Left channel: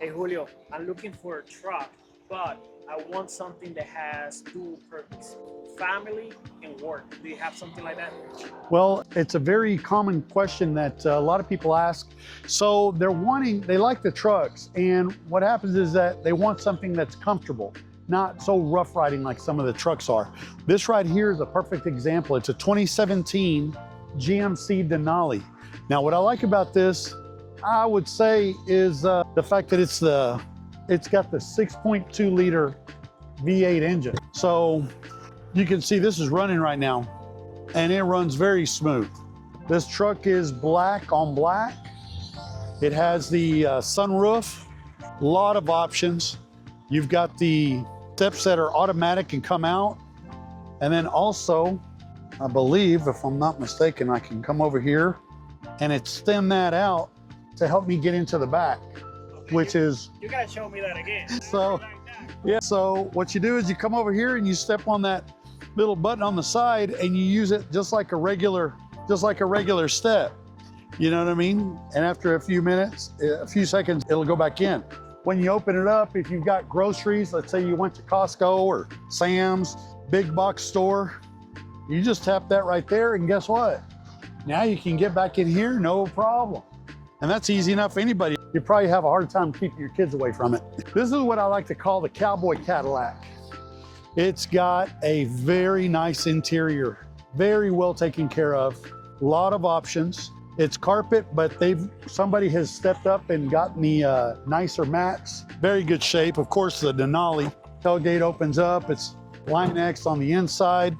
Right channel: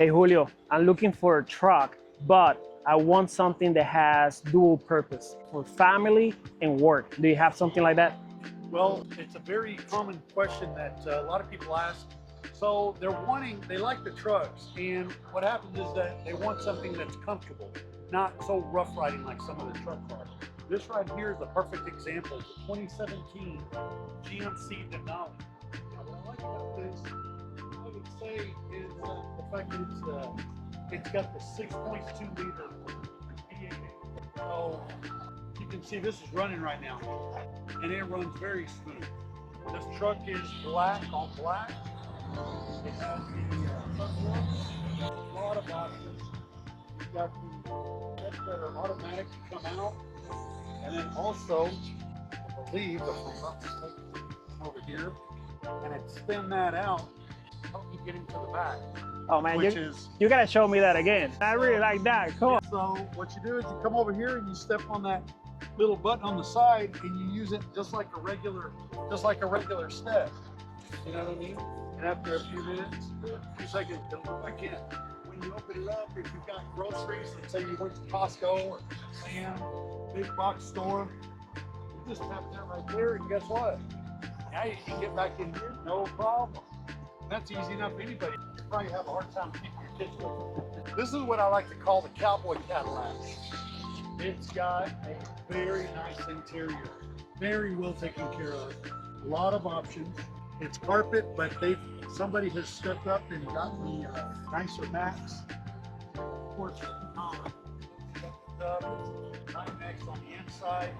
Hey Julio, I'm looking for a truck, but I want something that has dual purpose for family and work. Do you have something like that? Well, it's a very common question that a lot of people ask. So they like the trucks, and what happens is that they want something that's comfortable, not so rough riding like some of the trucks are. This right here is a perfect example. It's a 2017 GMC Denali. Now, what I like about this, I would say, is the fact that it's got the 6.2 liter V8 engine. So you can see this is running right now, and it runs very smooth. This truck is black on black. It has the sunroof, a lot of options. You've got the steps that are automatic and come out. And then also, I believe, if I'm not mistaken, I can come over here and extend that out to help me get into the back. Oh man, you gotta show me that again. I really like that. Cool. Yeah, so what you do is you come over here and you step on that little button on the side and you use it just like a regular step. You know what I mean? And after a few seconds, it'll go back in. When you open it up, if you've got groceries, let's say you went to Costco or Sam's, big box store, you just tap that right there, and guess what? Now you can get back in here, no problem. And that's easy enough for anybody. You probably have a hard time keeping your kids away from it. This is what I like to call the cowboy Cadillac. It's got a very nice interior, very well taken care of, a lot of options. It's carpet, but somebody has stepped up and gotten the nicer mats. Very good shape. Of course, the Denali tailgate opens up. It's Line X on the inside.